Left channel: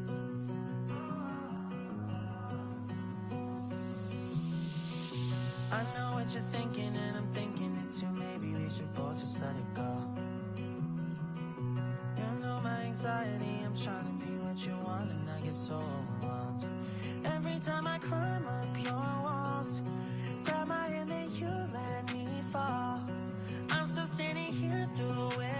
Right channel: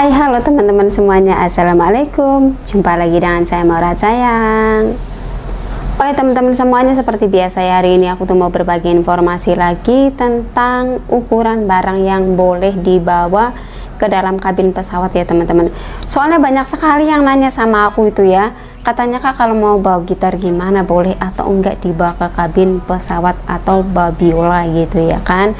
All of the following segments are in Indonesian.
Hai, halo teman-teman semuanya. Assalamualaikum. Jumpa lagi dengan saya Maura sayang. Oke teman-teman semuanya, seperti biasa ya, hari ini aku tuh mau berbagi informasi lagi tentang ukuran barang yang boleh dibawa ke dalam kabin pesawat ya teman-teman. Soalnya banyak sekali yang nanya sama aku itu ya, katanya Kak, kalau mau bawa gitar gimana, boleh atau enggak dibawa ke kabin pesawat atau bawa biola gitu ya kan.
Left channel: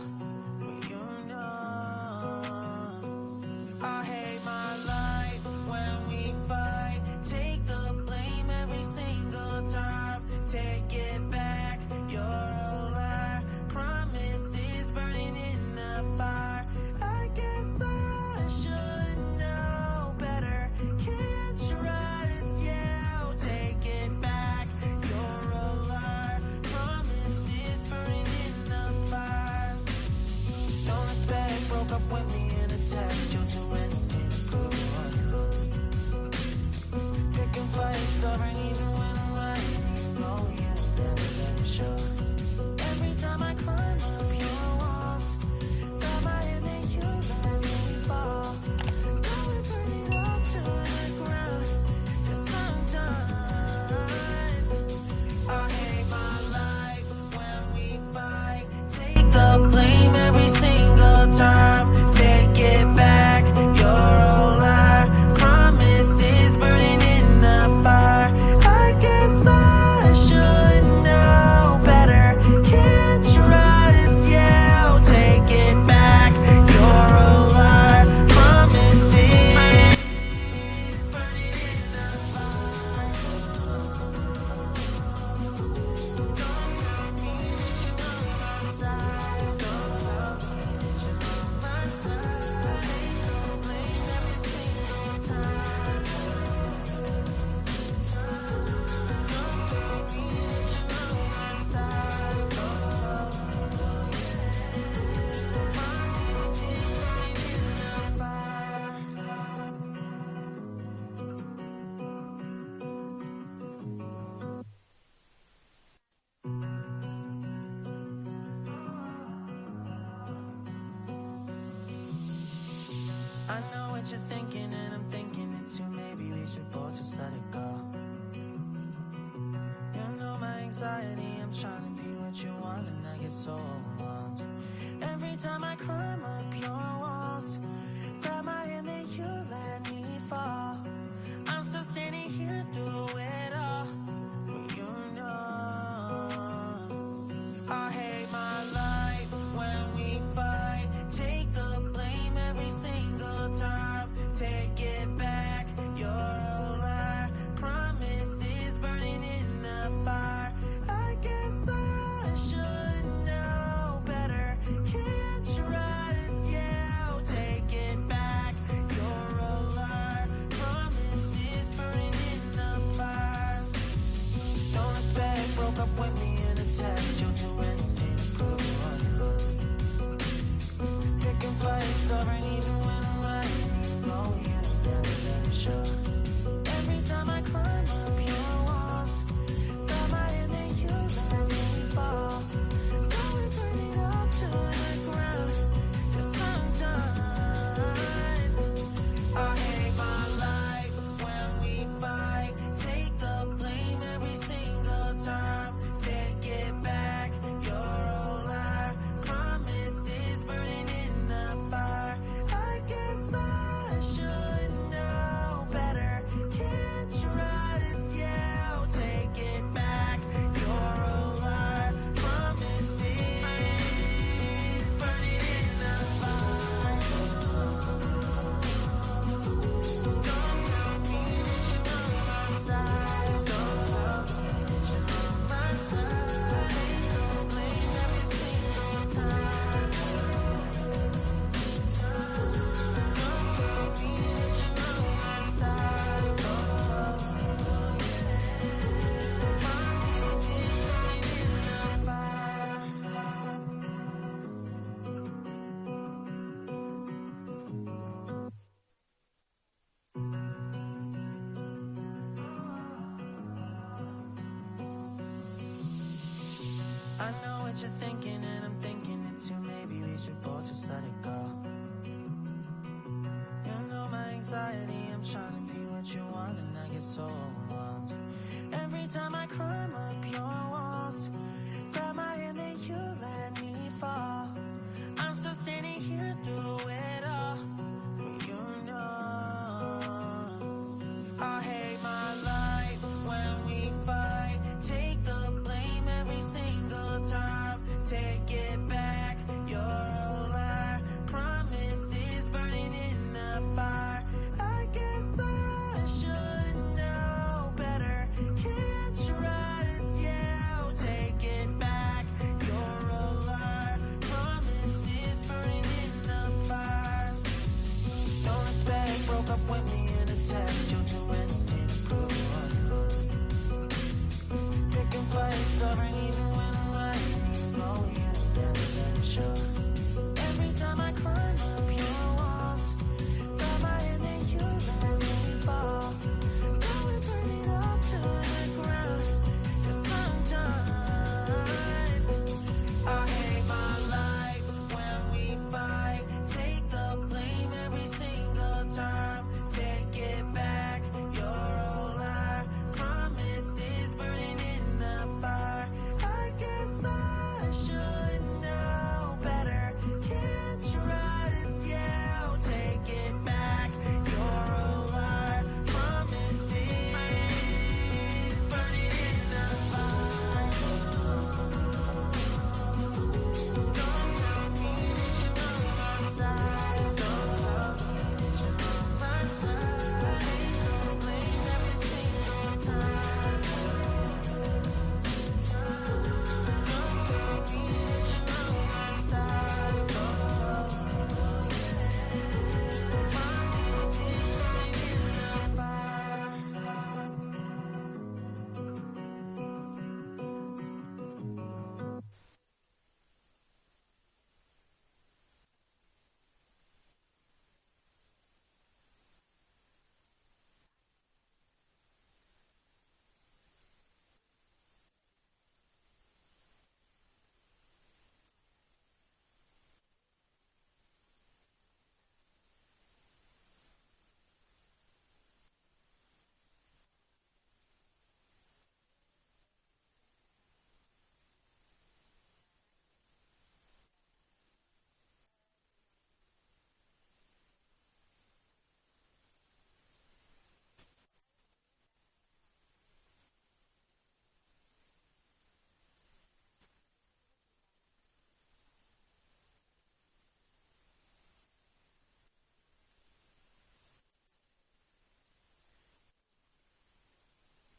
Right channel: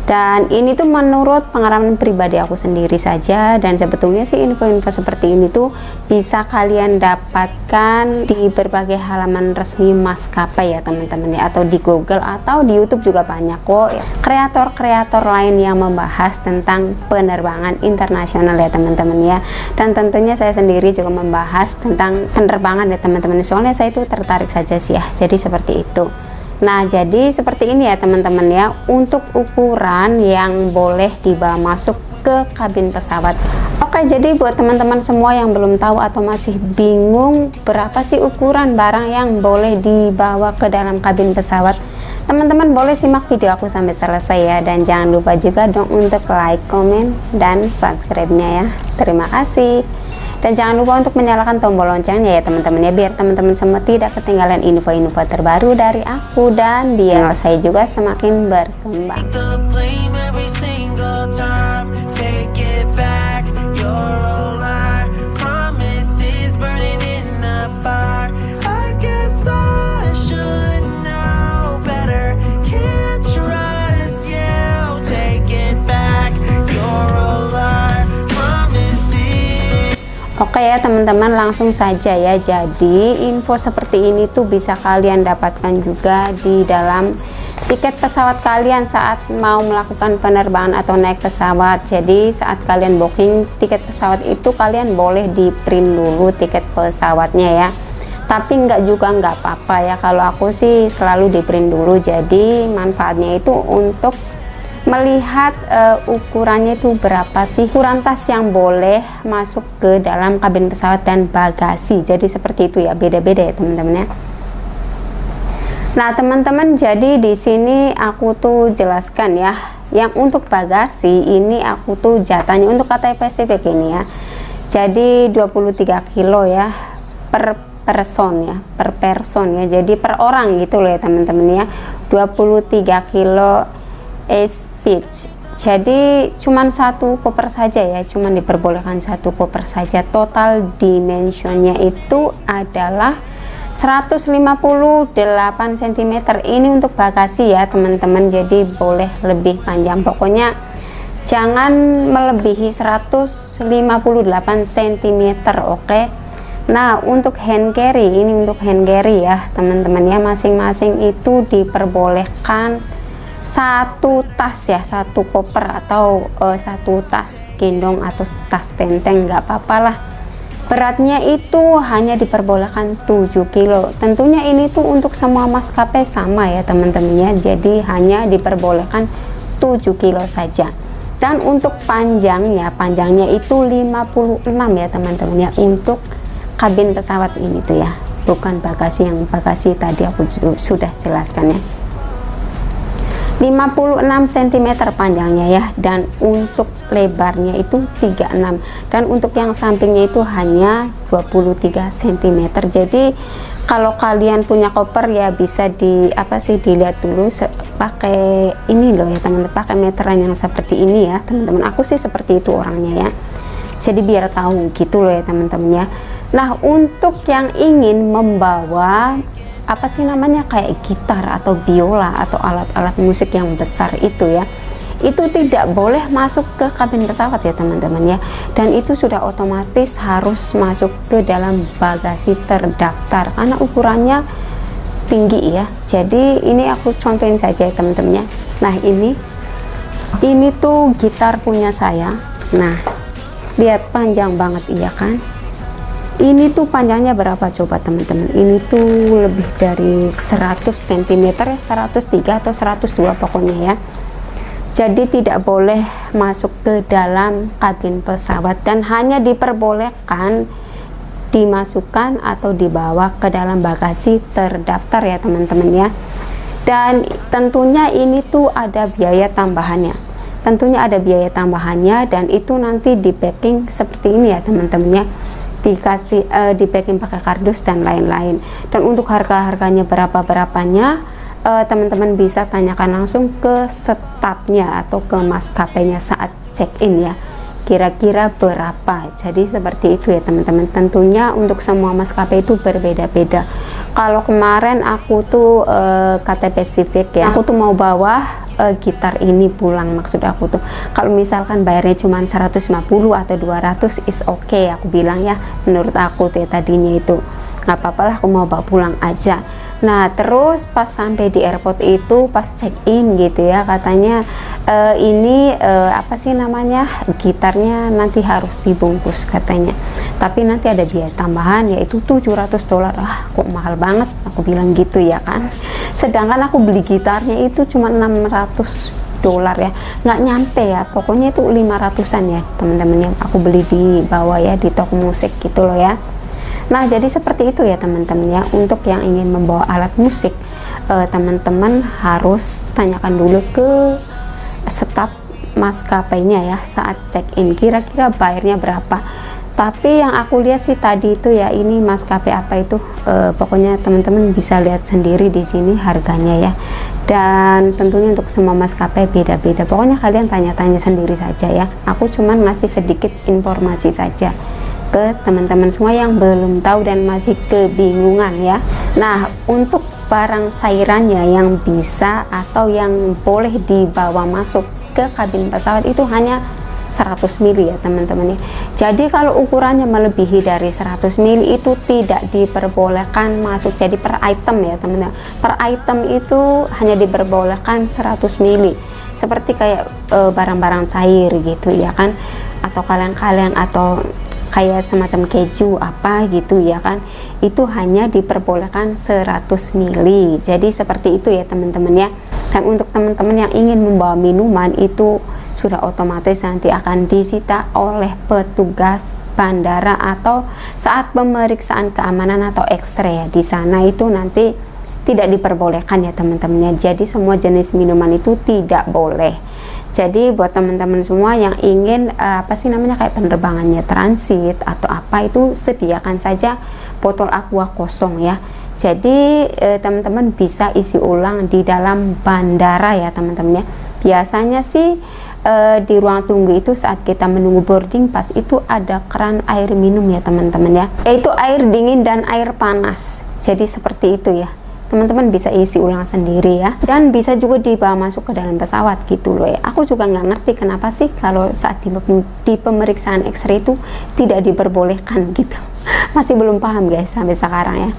Dan ini tuh menurut pengalaman pribadi aku sendiri saja, dan sebetulnya sih info-info seperti ini tuh bisa kalian dapatkan di berbagai halaman resmi maskapai ya teman-teman ya, atau di Google atau di YouTube juga banyak kok ya, kreator-kreator lain yang membahas tentang penerbangan internasional ya teman-teman ya. Dan tentunya saya sendiri juga membahas tentang penerbangan ya teman-teman, soalnya saya itu tertarik saja sih ya, jadi seperti itu. Nah, jadi seperti ini ya teman-teman ya, untuk ukuran yang boleh dibawa masuk ke kabin pesawat. Oke, jadi buat teman-teman semua yang belum tahu atau masih bingung berapa sih ukuran barang yang boleh dibawa ke dalam kabin pesawat, teman-teman boleh simak video aku sampai selesai ya. Dan jangan lupa juga dong untuk like, komen, dan subscribe-nya ya. Terima kasih. Dan jangan lupa untuk menyalakan tombol loncengnya ya teman-teman ya, biar teman-teman semua tidak ketinggalan info-info terbaru dari aku, dan biar saya juga semakin berkembang. Oke ya teman-teman, langsung saja ya. Jadi info seperti ini tuh bisa kalian dapatkan juga di dalam tiket pesawat kalian saat mau melakukan penerbangan atau naik pesawat. Jadi saat kalian booking tiket pesawat itu, kalian boleh di print dulu tiket pesawatnya ya. Tapi nggak apa-apa ya, kalau aku sih selalu di print dulu. Jadi manfaatnya itu untuk melihat ukurannya itu berapa sih, ukuran tas yang boleh masuk ke dalam kabin pesawat dan bagasi. Jadi seperti itu ya, beda-beda ya teman-teman ya. Nah teman-teman, jadi di sini aku tuh jelaskan ya, yang untuk bagasi ini aku tuh jatahnya untuk Cathay Pacific ini ya, jadi 23 kilo ya per person ya, per person ya, jadi per orang gitu loh ya teman-teman ya, 23 kilo speech. Jadi cuman satu koper saja ya, cuman diperbolehkan satu koper saja. Total dimensionnya itu adalah 158 cm. Ini untuk bagasi ya teman-teman, jadi boleh lebih panjang, pokoknya jangan melebihi 158 cm. Oke. Nah untuk hand carry, ini untuk hand carry ya teman-teman ya, masing-masing itu diperbolehkan satu tas ya, satu koper atau satu tas gendong atau tas tenteng, nggak apa-apa lah. Beratnya itu hanya diperbolehkan 7 kilo. Tentunya ini tuh untuk semua maskapai sama ya teman-teman ya, jadi hanya diperbolehkan 7 kilo saja. Dan untuk panjangnya itu 56 ya teman-teman ya, untuk kabin pesawat ini tuh ya, bukan bagasi. Yang bagasi tadi aku sudah jelaskan ya, 56 cm panjangnya ya, dan untuk lebarnya itu 36, dan untuk yang sampingnya itu hanya 23 cm. Jadi kalau kalian punya koper ya bisa dilihat dulu pakai ini loh ya teman-teman, pakai meteran yang seperti ini ya teman-teman. Aku sih seperti itu orangnya ya, jadi biar tahu gitu loh ya teman-teman ya. Nah untuk yang ingin membawa kayak gitar atau biola atau alat-alat musik yang besar itu ya, itu tidak boleh masuk ke kabin pesawat ya teman-teman ya, dan itu sudah otomatis harus masuk ke dalam bagasi terdaftar karena ukurannya tinggi ya. Jadi ini aku contohin saja ya teman-teman ya. Nah ini tuh gitar punya saya. Nah lihat panjang banget iya kan. Ini tuh panjangnya berapa coba teman-teman? Ini tuh lebih dari 100 cm ya, 103 atau 102 pokoknya ya. Jadi tidak boleh masuk ke dalam kabin pesawat, dan hanya diperbolehkan dimasukkan atau dibawa ke dalam bagasi terdaftar ya teman-teman ya. Dan tentunya ini tuh ada biaya tambahannya. tentunya ada biaya tambahannya, dan itu nanti di packing seperti ini ya teman-teman ya, dikasih di packing pakai kardus dan lain-lain. Dan untuk harganya berapanya, teman-teman bisa tanyakan langsung ke stafnya atau ke maskapainya saat check-in ya, kira-kira berapa. Jadi seperti itu ya teman-teman. Tentunya untuk semua maskapai itu berbeda-beda. Kalau kemarin aku tuh kata spesifik ya, aku tuh mau bawa gitar ini pulang. Maksud aku tuh kalau misalkan bayarnya cuma 150 atau 200 is okay, aku bilang ya, menurut aku tuh ya, tadinya itu nggak apa-apa lah, aku mau bawa pulang aja. Nah terus pas sampai di airport itu, pas check in gitu ya, katanya ini apa sih namanya, gitarnya nanti harus dibungkus katanya, tapi nanti ada biaya tambahan yaitu $700. Kok mahal banget, aku bilang gitu ya kan, sedangkan aku beli gitarnya itu cuma $600 ya, nggak nyampe ya, pokoknya itu 500-an ya teman-teman yang aku beli di bawah ya, di toko musik gitu loh ya. Nah jadi seperti itu ya teman-teman ya, untuk yang ingin membawa alat musik, teman-teman harus tanyakan dulu ke staf maskapainya ya saat check-in, kira-kira bayarnya berapa. Tapi yang aku lihat sih tadi itu ya, ini maskapai apa itu, pokoknya teman-teman bisa lihat sendiri di sini harganya ya. Dan tentunya untuk semua maskapai beda-beda, pokoknya kalian tanya-tanya sendiri saja ya. Aku cuman ngasih sedikit informasi saja ke teman-teman semua yang belum tahu dan masih kebingungan ya. Nah untuk barang cairannya yang bisa atau yang boleh dibawa masuk ke kabin pesawat itu hanya 100 ml ya teman-teman ya. Jadi kalau ukurannya melebihi dari 100 ml itu tidak diperbolehkan masuk. Jadi per item ya teman-teman, per item itu hanya diperbolehkan 100 ml, seperti kayak barang-barang cair gitu ya kan, atau kaleng-kaleng atau kayak semacam keju apa gitu ya kan, itu hanya diperbolehkan 100 ml. Jadi seperti itu ya teman-teman ya. Dan untuk teman-teman yang ingin membawa minuman itu sudah otomatis nanti akan disita oleh petugas bandara atau saat pemeriksaan keamanan atau X-ray ya. Di sana itu nanti tidak diperbolehkan ya teman-teman ya. Jadi semua jenis minuman itu tidak boleh. Jadi buat teman-teman semua yang ingin apa sih namanya, kayak penerbangannya transit atau apa, itu sediakan saja botol aqua kosong ya. Jadi teman-teman bisa isi ulang di dalam bandara ya teman-teman ya. Biasanya sih di ruang tunggu itu saat kita menunggu boarding pass itu ada keran air minum ya teman-teman ya, yaitu air dingin dan air panas. Jadi seperti itu ya, teman-teman bisa isi ulang sendiri ya, dan bisa juga dibawa masuk ke dalam pesawat gitu loh ya. Aku juga nggak ngerti kenapa sih kalau saat di pemeriksaan X-ray itu tidak diperbolehkan gitu. Masih belum paham guys sampai sekarang ya.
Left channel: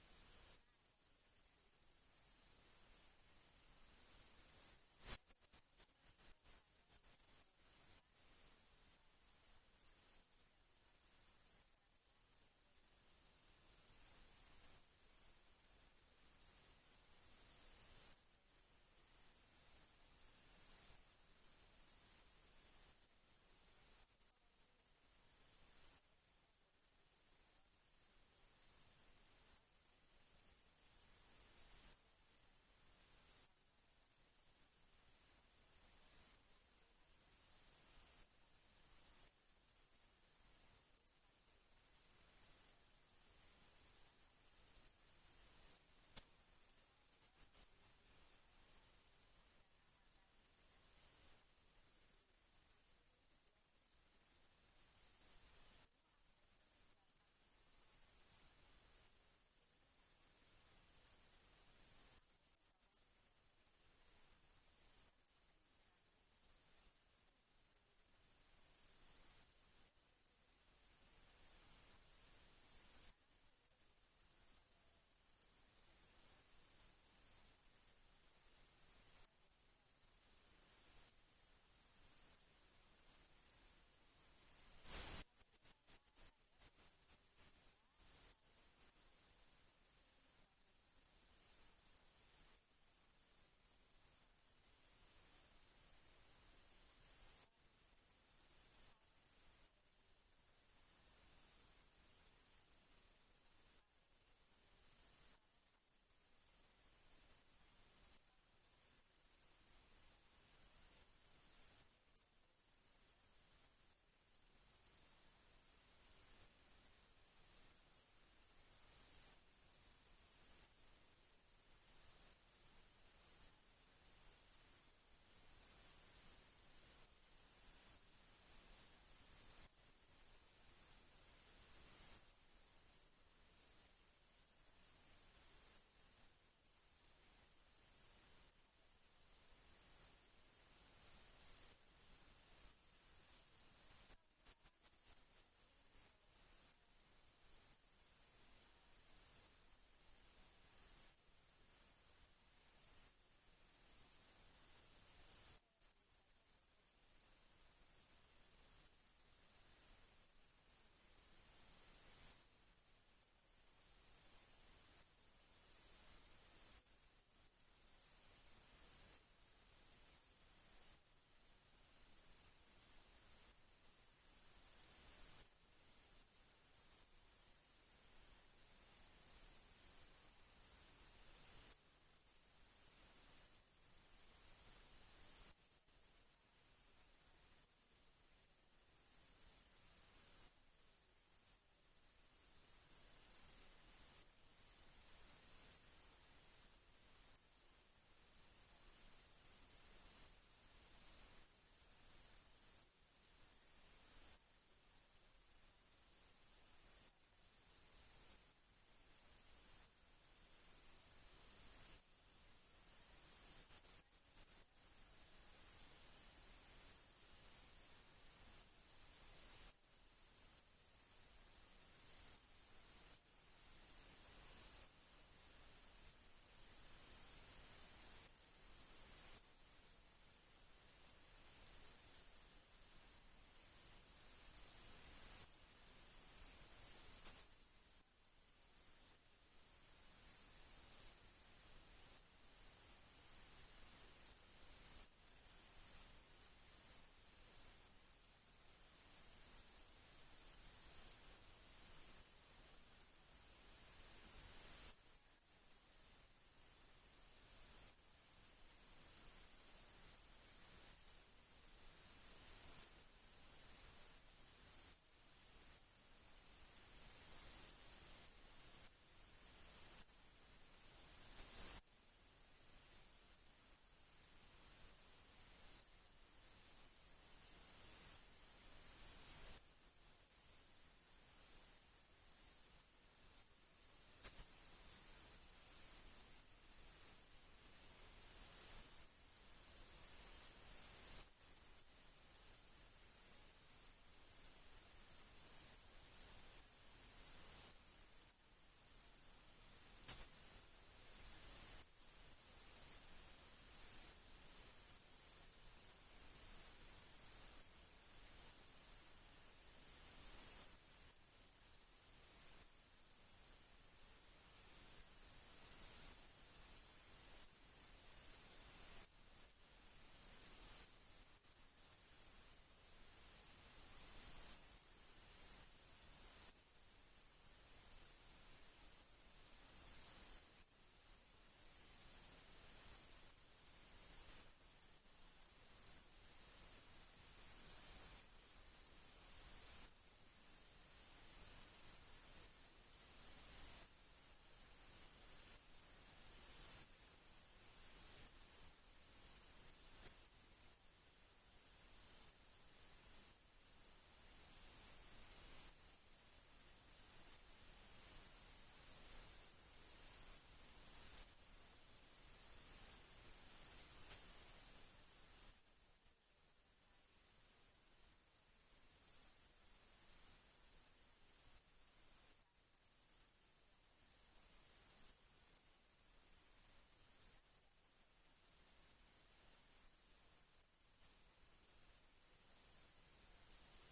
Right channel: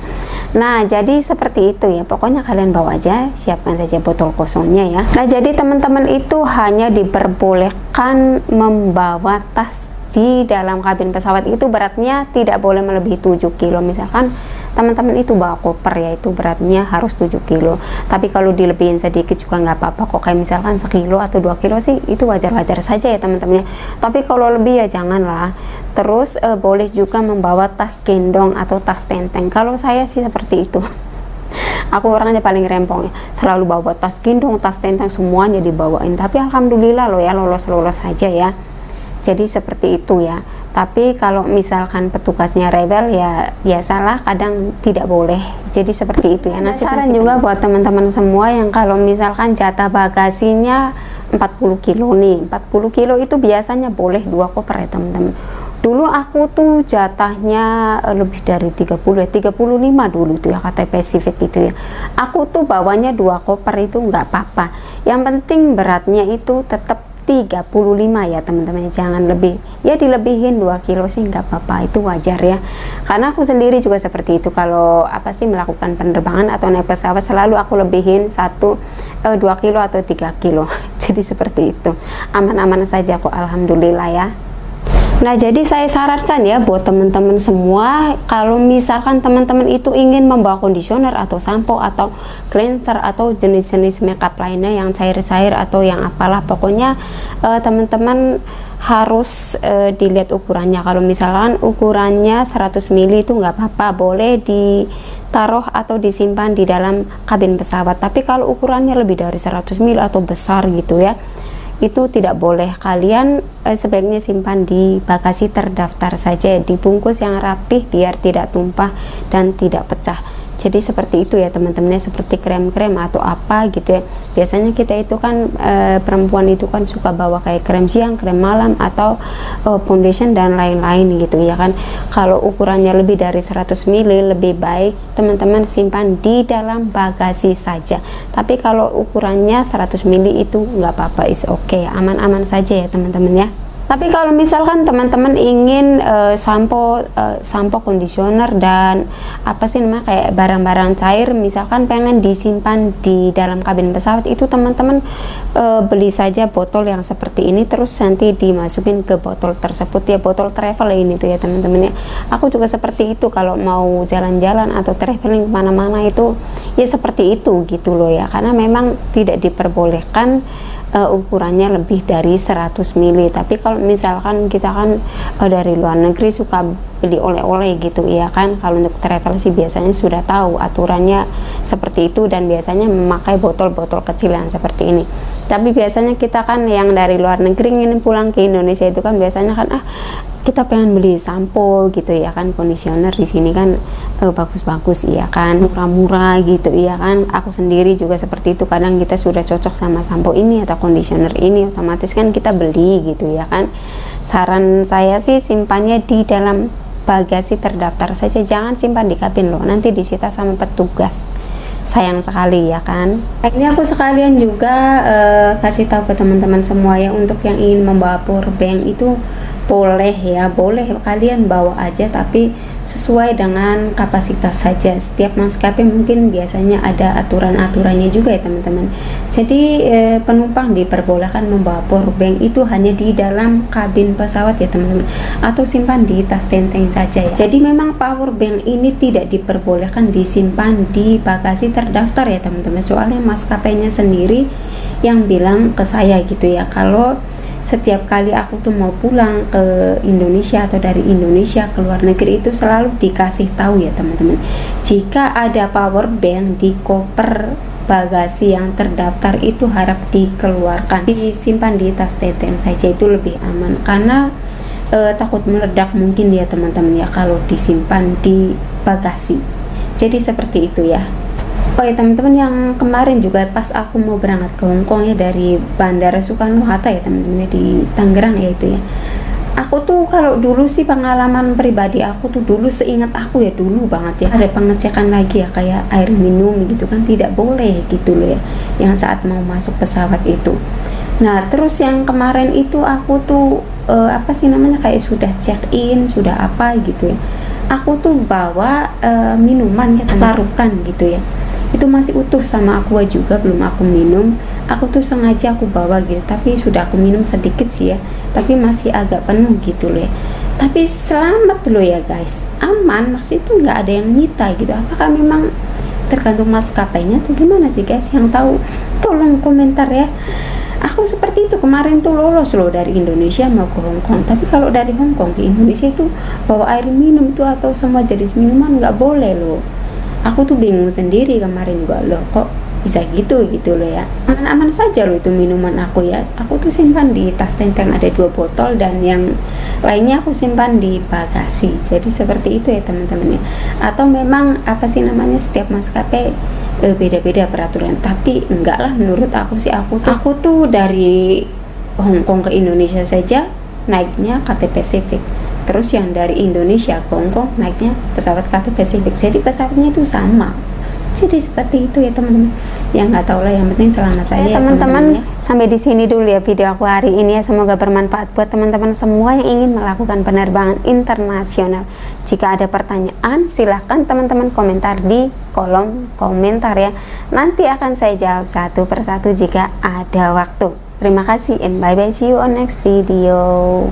Nah jadi seperti itu ya, pokoknya kalian bawa aja, siapkan saja botol kosongnya ya. Nah jadi teman-teman itu hanya diperbolehkan membawa tas di dalam kabin pesawat, itu beratnya tidak boleh melebihi 7 kilo. Misalkan teman-teman itu bawa koper ya, itu beratnya harus 7 kilo. Tapi kalau dilebihin sedikit juga nggak apa-apa kok, kayak misalkan 1 kilo atau 2 kilo sih itu wajar-wajar saja ya teman-teman. Tapi kalau lebih ya janganlah. Terus boleh juga membawa tas gendong atau tas tenteng. Kalau saya sih seperti itu. Aku orangnya paling rempong ya, selalu bawa tas gendong, tas tenteng, semuanya dibawain. Tapi alhamdulillah loh ya, lolos-lolos saja ya. Jadi seperti itu ya. Tapi kalau misalkan petugasnya rebel ya biasalah, kadang tidak boleh. Jadi seperti itu ya. Nah saran juga buat teman-teman semua yang kalau misalkan jatah bagasinya 40 kilo nih, 40 kilo itu biasanya boleh 2 koper ya teman-teman. Dulu aku tuh jatahnya lebih dari 30 ya, 35 dulu tuh ya kata Pacific itu ya. Aku tuh bawanya 2 koper itu nggak apa-apa. Yang penting beratnya itu tetap 35 ya teman-teman, jangan lebih. Ya dilebihin 2 kilo sih nggak apa-apa, itu wajar ya. Karena aku sendiri juga seperti itu, kalau apa sih melakukan penerbangan atau naik pesawat selalu aku lebihin 2 kilo atau 3 kilo. Jadi seperti itu. Aman-aman saja kok, alhamdulillah ya. Nah jadi saya sarankan ya buat teman-teman semua, kalau misalkan teman-teman itu ingin membawa conditioner atau sampo atau cleanser atau jenis-jenis makeup lainnya yang cair-cair atau yang apalah, pokoknya teman-teman harus dilihat ukurannya. Kalau misalkan ukurannya 100 ml itu nggak apa-apa, boleh ditaruh atau disimpan di dalam kabin pesawat. Tapi kalau ukurannya lebih dari 100 ml atau besar gitu ya, itu tidak boleh. Kalian sebaiknya simpan di bagasi terdaftar saja, dibungkus yang rapih biar tidak tumpah dan tidak pecah. Jadi seperti itu ya teman-teman, seperti krem-krem atau apa gitu ya. Biasanya kita itu kan perempuan itu kan suka bawa kayak krem siang, krem malam, atau foundation dan lain-lain gitu ya kan. Kalau ukurannya lebih dari 100 ml lebih baik teman-teman simpan di dalam bagasi saja. Tapi kalau ukurannya 100 ml itu nggak apa-apa, is okay, aman-aman saja ya teman-teman ya. Tapi kalau misalkan teman-teman ingin sampo, conditioner dan apa sih namanya kayak barang-barang cair, misalkan pengen disimpan di dalam kabin pesawat, itu teman-teman beli saja botol yang seperti ini, terus nanti dimasukin ke botol tersebut ya, botol travel ini tuh ya teman-teman ya. Aku juga seperti itu kalau mau jalan-jalan atau traveling kemana-mana itu ya seperti itu gitu loh ya, karena memang tidak diperbolehkan ukurannya lebih dari 100 ml. Tapi kalau misalkan kita kan dari luar negeri suka beli oleh-oleh gitu ya kan, kalau untuk travel sih biasanya sudah tahu aturannya seperti itu dan biasanya memakai botol-botol kecil yang seperti ini. Tapi biasanya kita kan yang dari luar negeri ingin pulang ke Indonesia itu kan biasanya kan kita pengen beli sampo gitu ya kan, conditioner di sini kan bagus-bagus iya kan, murah-murah gitu iya kan. Aku sendiri juga seperti itu, kadang kita sudah cocok sama sampo ini atau conditioner ini, otomatis kan kita beli gitu ya kan. Saran saya sih simpannya di dalam bagasi terdaftar saja, jangan simpan di kabin loh, nanti disita sama petugas. Sayang sekali ya kan. Akhirnya aku sekalian juga kasih tahu ke teman-teman semua ya, untuk yang ingin membawa power bank itu boleh ya, boleh kalian bawa aja, tapi sesuai dengan kapasitas saja. Setiap maskapai mungkin biasanya ada aturan-aturannya juga ya teman-teman. Jadi penumpang diperbolehkan membawa power bank itu hanya di dalam kabin pesawat ya teman-teman, atau simpan di tas tenteng saja ya. Jadi memang power bank ini tidak diperbolehkan disimpan di bagasi terdaftar ya teman-teman, soalnya maskapainya sendiri yang bilang ke saya gitu ya, kalau setiap kali aku tuh mau pulang ke Indonesia atau dari Indonesia ke luar negeri itu selalu dikasih tahu ya teman-teman, jika ada power bank di koper bagasi yang terdaftar itu harap dikeluarkan, disimpan di tas tenteng saja, itu lebih aman karena takut meledak mungkin ya teman-teman ya kalau disimpan di bagasi. Jadi seperti itu ya. Oh ya teman-teman, yang kemarin juga pas aku mau berangkat ke Hongkong ya, dari Bandara Soekarno-Hatta ya teman-teman di Tangerang ya itu ya. Aku tuh kalau dulu sih pengalaman pribadi aku tuh dulu, seingat aku ya dulu banget ya, ada pengecekan lagi ya kayak air minum gitu kan tidak boleh gitu loh ya, yang saat mau masuk pesawat itu. Nah terus yang kemarin itu aku tuh apa sih namanya kayak sudah check in sudah apa gitu ya, aku tuh bawa minuman ya larukan gitu ya, itu masih utuh sama aqua juga, belum aku minum. Aku tuh sengaja aku bawa gitu, tapi sudah aku minum sedikit sih ya, tapi masih agak penuh gitu loh ya. Tapi selamat loh ya guys, aman, maksudnya itu nggak ada yang nyita gitu. Apakah memang tergantung maskapainya tuh gimana sih guys, yang tahu tolong komentar ya. Aku seperti itu kemarin tuh lolos loh dari Indonesia mau ke Hongkong, tapi kalau dari Hongkong ke Indonesia itu bawa air minum tuh atau semua jenis minuman nggak boleh loh. Aku tuh bingung sendiri kemarin juga, loh kok bisa gitu loh ya. Aman-aman saja loh itu minuman aku ya. Aku tuh simpan di tas tenteng ada 2 botol dan yang lainnya aku simpan di bagasi. Jadi seperti itu ya teman-teman ya. Atau memang apa sih namanya, setiap maskapai beda-beda peraturan, tapi enggak lah menurut aku sih. Aku tuh dari Hongkong ke Indonesia saja naiknya KT Pacific. Terus yang dari Indonesia ke Hongkong naiknya pesawat KT Pacific, jadi pesawatnya itu sama. Jadi seperti itu ya teman-teman. Ya nggak tahu lah, yang penting selamat saya teman-teman ya. Sampai di sini dulu ya video aku hari ini ya, semoga bermanfaat buat teman-teman semua yang ingin melakukan penerbangan internasional. Jika ada pertanyaan silahkan teman-teman komentar di kolom komentar ya, nanti akan saya jawab satu persatu jika ada waktu. Terima kasih and bye bye, see you on next video.